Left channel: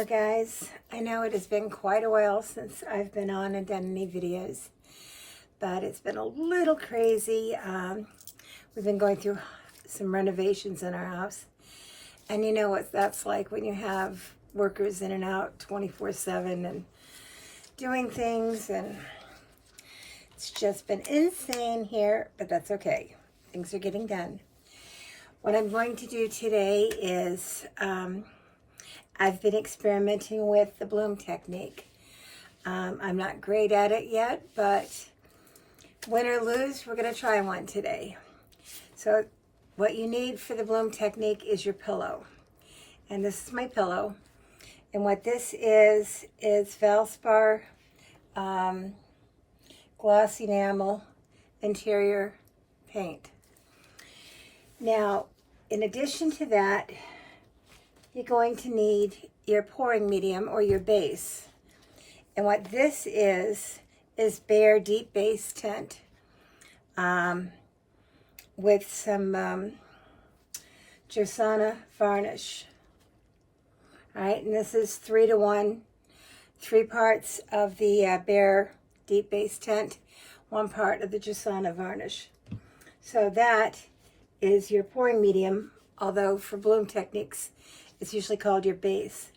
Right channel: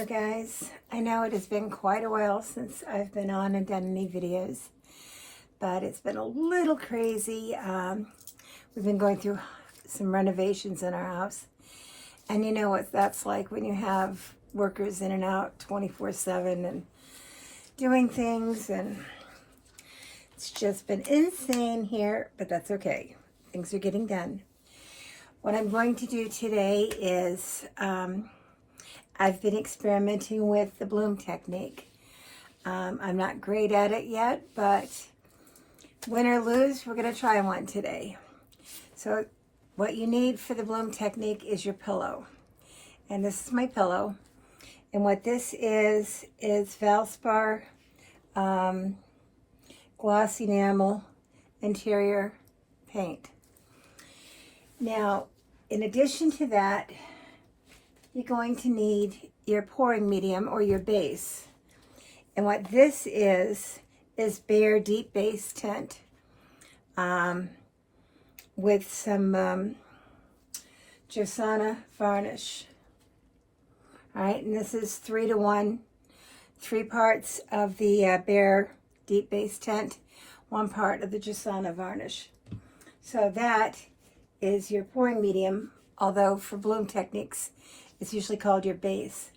Hello guys, I know it has been quite a while since I've been on and done any videos, but it's been a little crazy. We've been going through some renovations in our house, and you know what that's like when you have workers in and out 24/7 and doing things, and it's just been insane here, but that's okay. Things are getting done. What I'm going to do today is I've been experimenting with the bloom technique. I'm not great at it yet, but win or lose, we're going to try one today. So what you need for the bloom technique is your pillow. And this is my pillow. And what this is Valspar gloss enamel interior paint. Now, in addition to that, you're going to need your pouring medium or your base. And what this is Behr Deep Base Tint with some Josana varnish. All right, and this is 3:1, 3 parts of the Behr Deep Base Tint, 1 part of the Josana varnish. So that is your pouring medium, although for bloom techniques, it's usually called your base.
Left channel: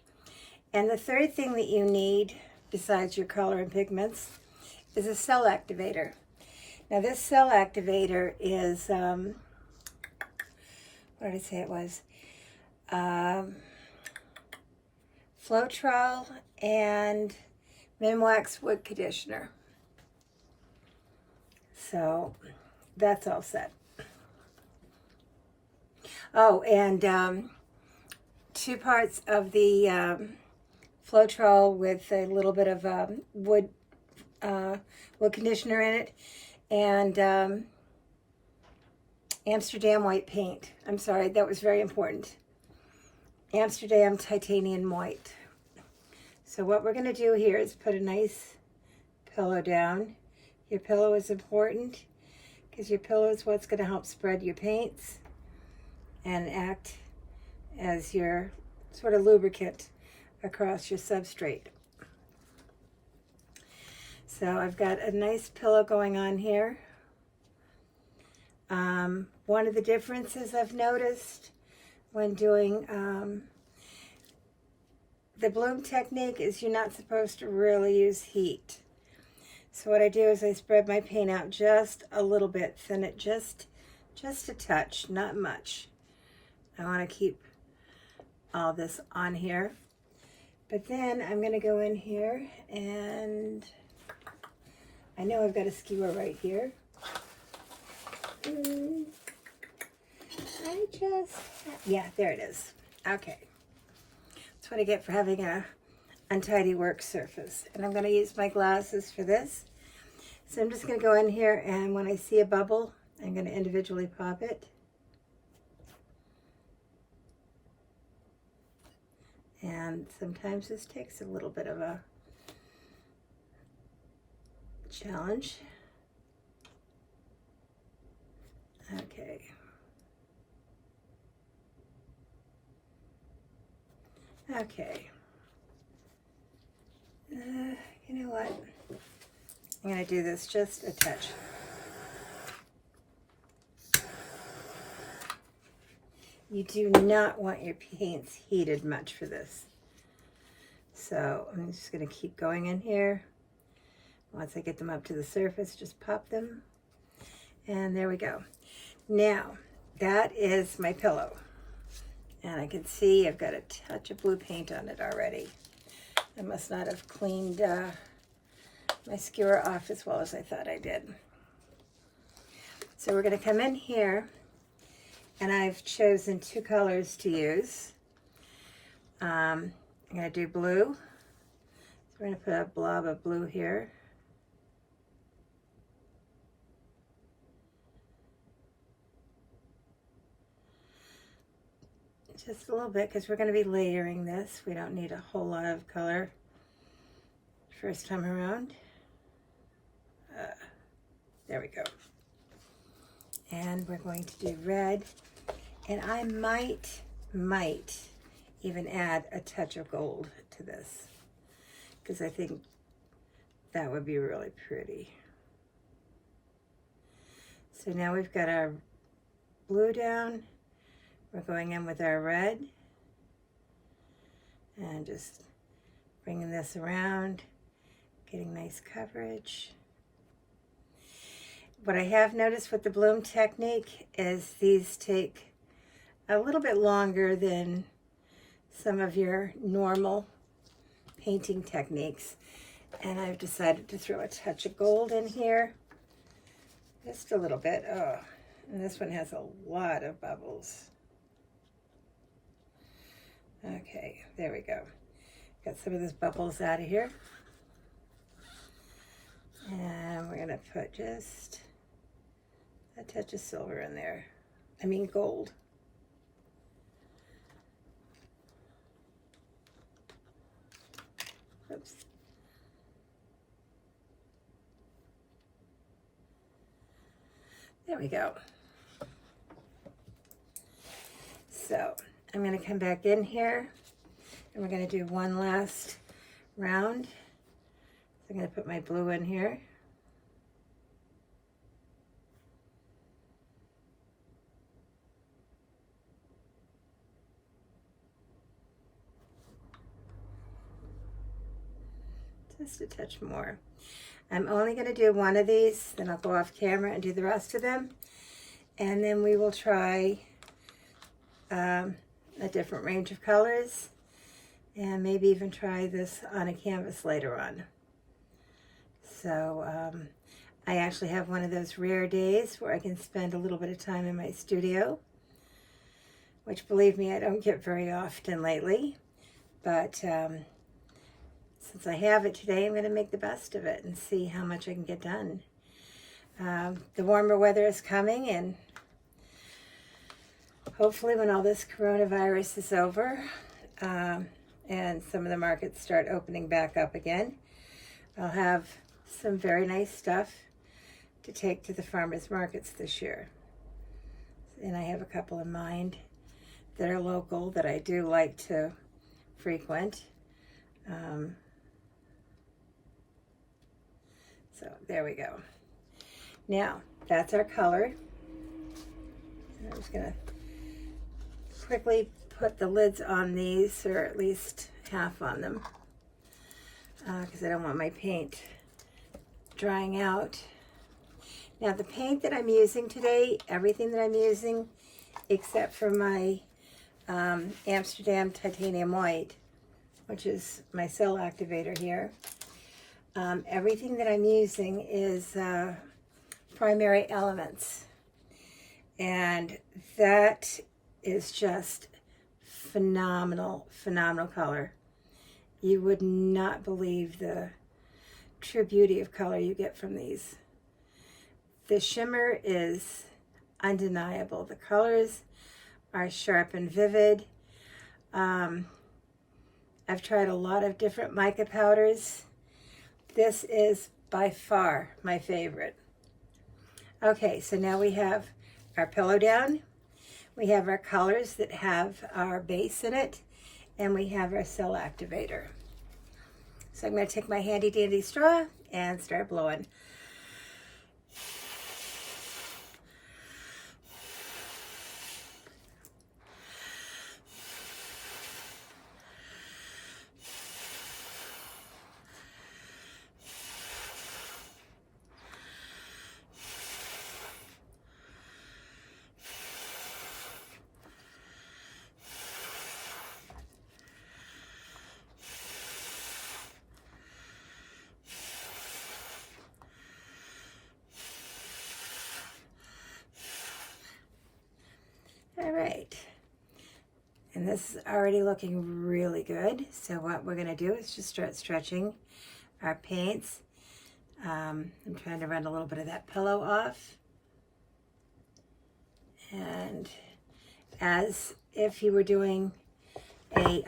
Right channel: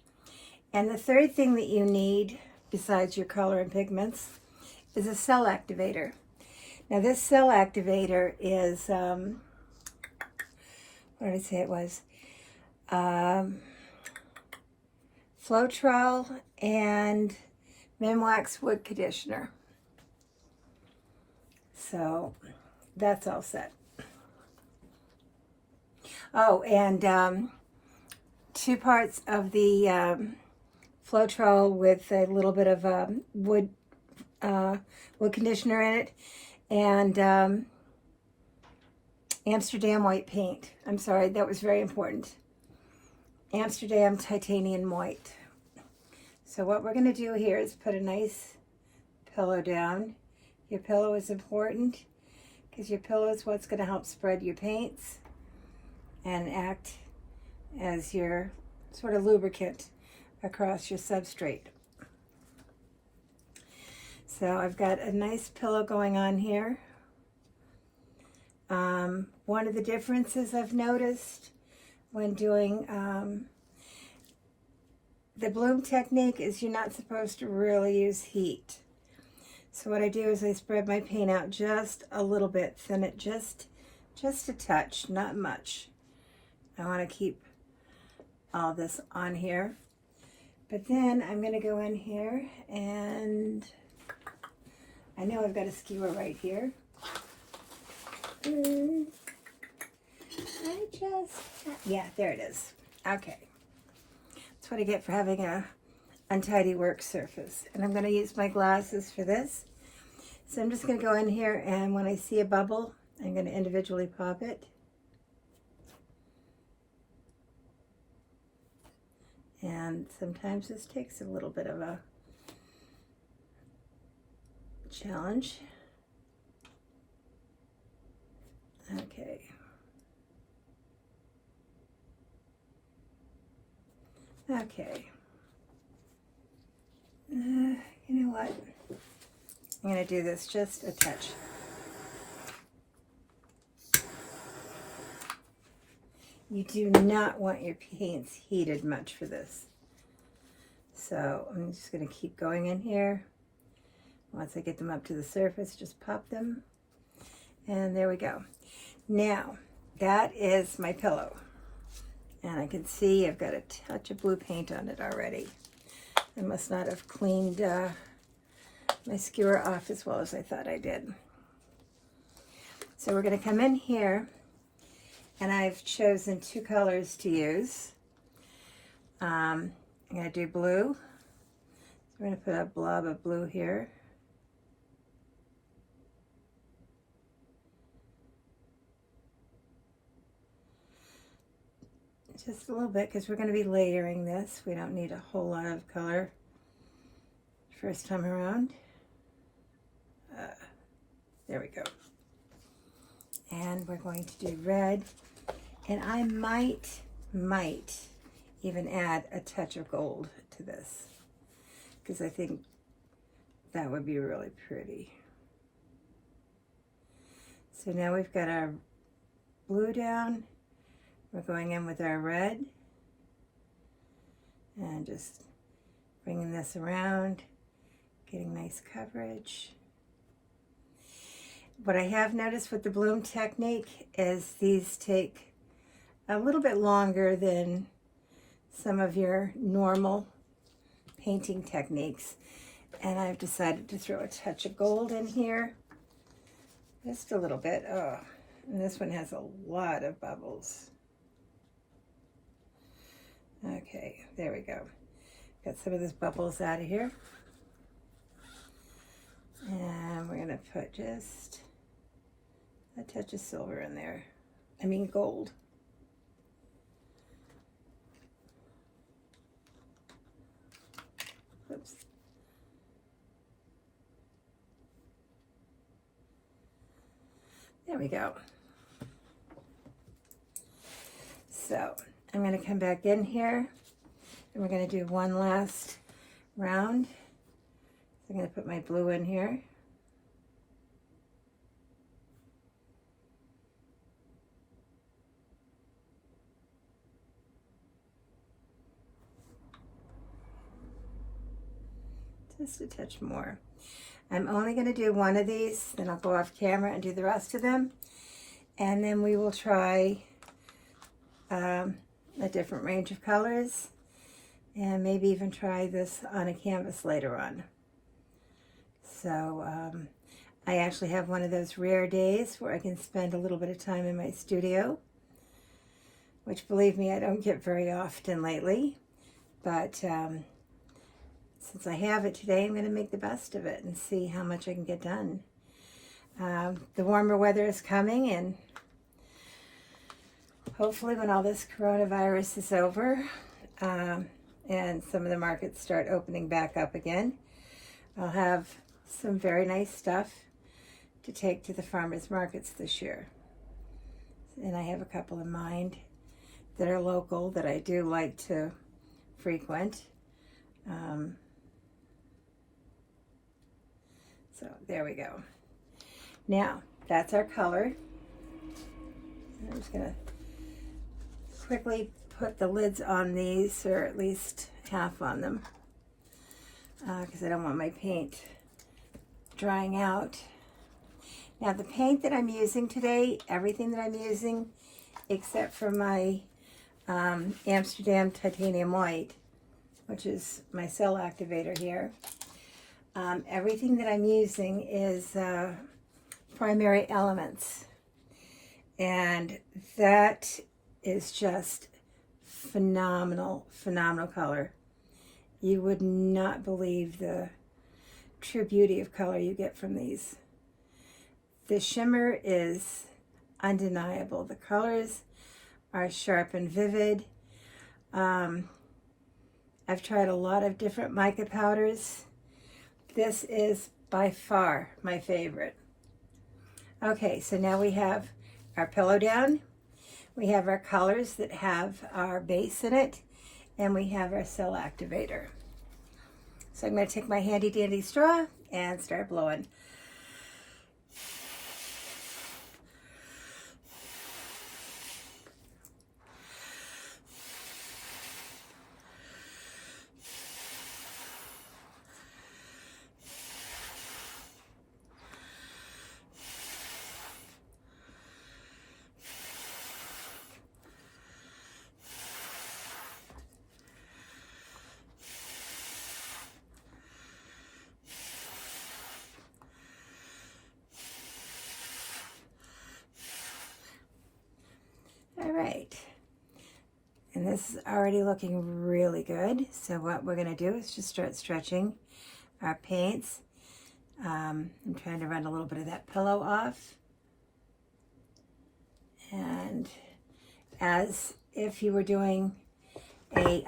And the third thing that you need, besides your color and pigments, is a cell activator. Now this cell activator is, what did I say it was? Floetrol and Minwax wood conditioner. So that's all set. Oh, and 2 parts of the Floetrol with a little bit of wood conditioner in it, and Amsterdam white paint. I'm sorry, that was very important. Amsterdam titanium white. So what we're going to do here is put a nice pillow down. Your pillow is important because your pillow is what's going to help spread your paints and act as your sort of lubricant across your substrate. So I've got a nice pillow going on here. One of the differences I've noticed when doing the bloom technique is you're not supposed to really use heat. So what I do is I spread my paint out just a little bit, thin it just a touch, not much. I want to keep all this on here, but then I'm going to go in here, and I know I've got a skewer right here. Yeah, there it is. Okay, that's what I get for having a untidy work surface. And I'm going to use my glasses for this. So I'm just going to go in here, and when I see a bubble, I'm going to individually pop it. And sometimes this takes a little bit of a challenge. Okay. Okay. You know what? I'm going to do this just a touch. You do not want your paints heated much for this. So I'm just going to keep going in here. Once I get them up to the surface, just pop them. And there we go. Now, that is my pillow. And I can see I've got a touch of blue paint on it already. I must not have cleaned my skewer off as well as I thought I did. So we're going to come in here, and I've chosen 2 colors to use. I'm going to do blue. So we're going to put a blob of blue here. Just a little bit, because we're going to be layering this. We don't need a whole lot of color first time around. There we go. And we're going to do red. And I might even add a touch of gold to this, because I think that would be really pretty. So now we've got our blue down. We're going in with our red and just bringing this around, getting nice coverage. What I have noticed with the bloom technique is these take a little bit longer than some of your normal painting techniques. And I've decided to throw a touch of gold in here. Just a little bit. Oh, and this one has a lot of bubbles. Okay, there we go. Got some of those bubbles out of here. And we're gonna put just a touch of silver in there. I mean gold. Oops. There we go. So I'm going to come back in here and we're going to do one last round. So I'm going to put my blue in here. Just a touch more. I'm only going to do one of these, then I'll go off camera and do the rest of them. And then we will try a different range of colors and maybe even try this on a canvas later on. So I actually have one of those rare days where I can spend a little bit of time in my studio, which, believe me, I don't get very often lately. But since I have it today, I'm going to make the best of it and see how much I can get done. The warmer weather is coming, and hopefully when all this coronavirus is over and some of the markets start opening back up again, I'll have some very nice stuff to take to the farmers markets this year. And I have a couple in mind that are local that I do like to frequent. So there we go. Now, that's our color. I'm just going to quickly put the lids on these, or at least half on them, because I don't want my paint drying out. Now, the paint that I'm using today, everything that I'm using, except for my Amsterdam Titanium White, which is my cell activator here, everything that I'm using is Primary Elements, and that is just phenomenal color. You would not believe the true beauty of color you get from these. The shimmer is undeniable. The colors are sharp and vivid. I've tried a lot of different mica powders. This is by far my favorite. Okay, so now we have our pillow down. We have our colors that have our base in it, and we have our cell activator. So I'm going to take my handy dandy straw and start blowing. All right, and this is already looking really good. So what we're going to do is just start stretching our paints. I'm trying to run a little bit of that pillow off. And as if you were doing a,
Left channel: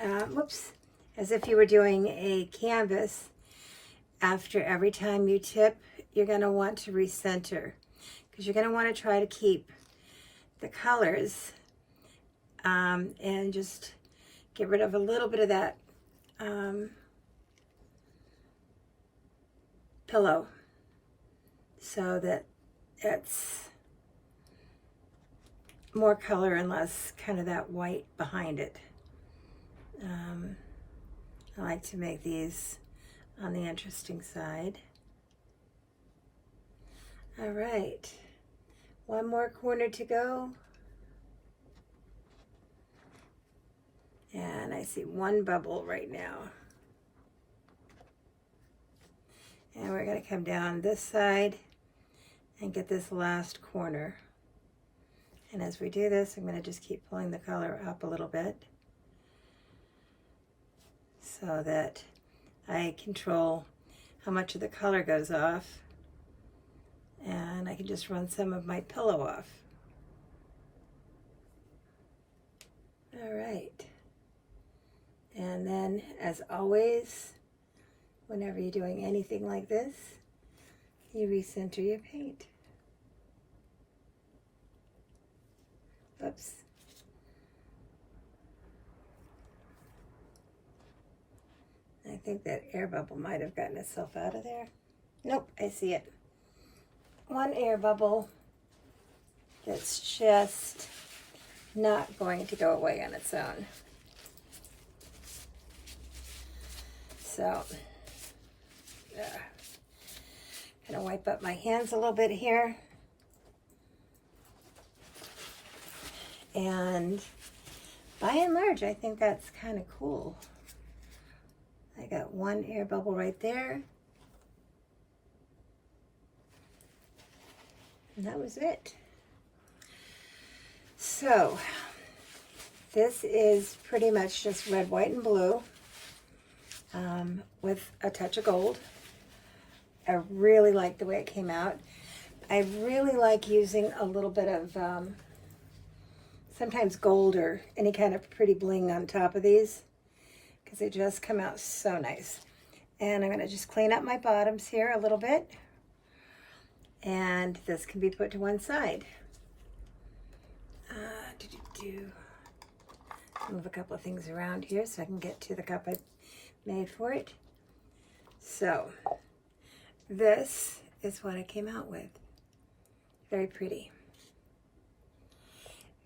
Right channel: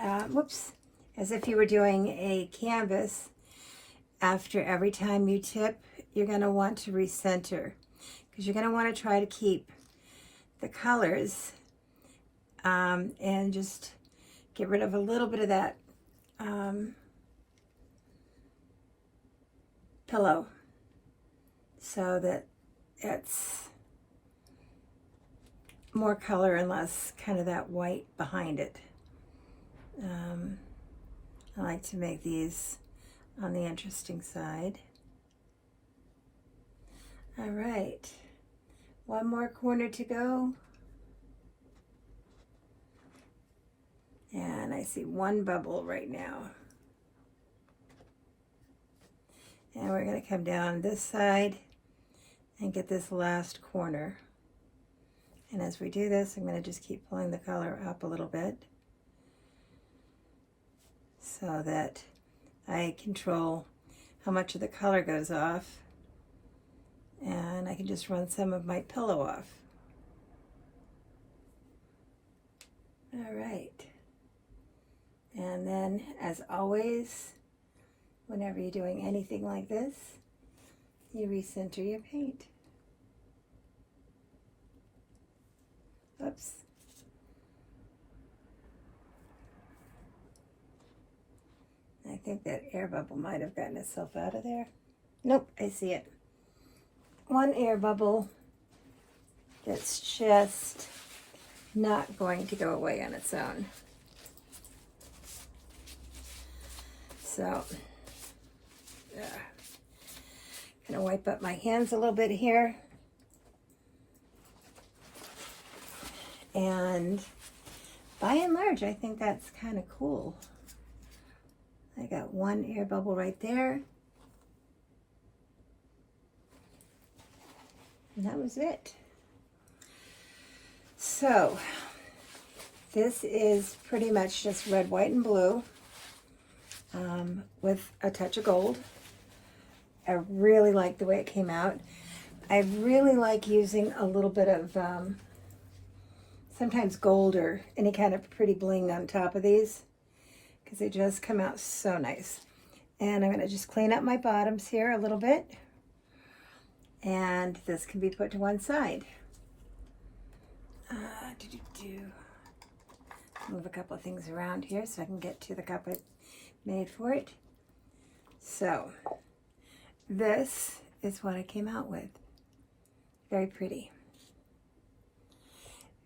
as if you were doing a canvas, after every time you tip, you're going to want to recenter, because you're going to want to try to keep the colors and just get rid of a little bit of that pillow so that it's more color and less kind of that white behind it. I like to make these on the interesting side. All right, one more corner to go. And I see one bubble right now. And we're going to come down this side and get this last corner. And as we do this, I'm going to just keep pulling the color up a little bit so that I control how much of the color goes off. And I can just run some of my pillow off. All right. And then, as always, whenever you're doing anything like this, you recenter your paint. Oops. I think that air bubble might have gotten itself out of there. Nope, I see it. One air bubble that's just not going to go away on its own. So, I'm gonna wipe up my hands a little bit here. And by and large, I think that's kind of cool. I got one air bubble right there. And that was it. So, this is pretty much just red, white, and blue. With a touch of gold. I really like the way it came out. I really like using a little bit of sometimes gold or any kind of pretty bling on top of these because they just come out so nice. And I'm going to just clean up my bottoms here a little bit. And this can be put to one side. Move a couple of things around here so I can get to the cup I made for it. So this is what I came out with. Very pretty.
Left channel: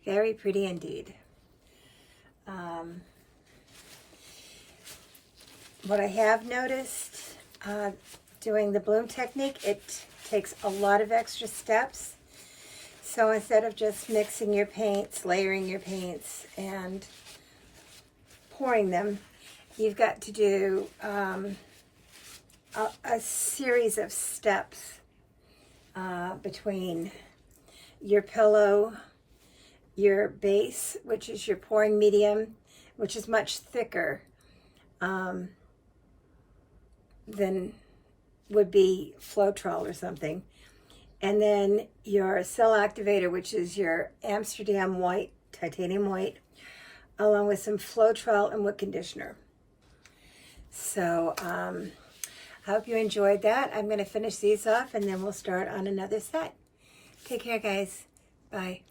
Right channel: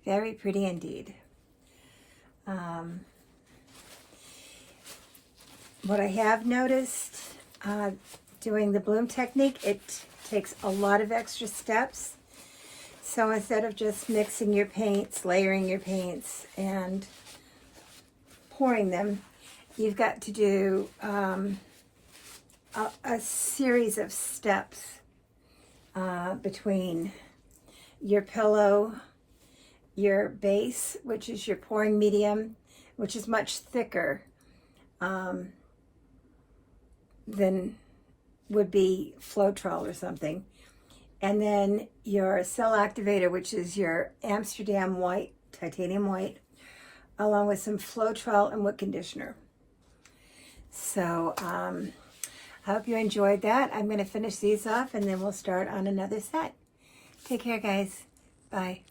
Very pretty indeed. What I have noticed doing the bloom technique, it takes a lot of extra steps. So instead of just mixing your paints, layering your paints, and pouring them, you've got to do a series of steps between your pillow, your base, which is your pouring medium, which is much thicker than would be Floetrol or something, and then your cell activator, which is your Amsterdam white, titanium white, along with some Floetrol and wood conditioner. So I hope you enjoyed that. I'm going to finish these off and then we'll start on another set. Take care, guys. Bye.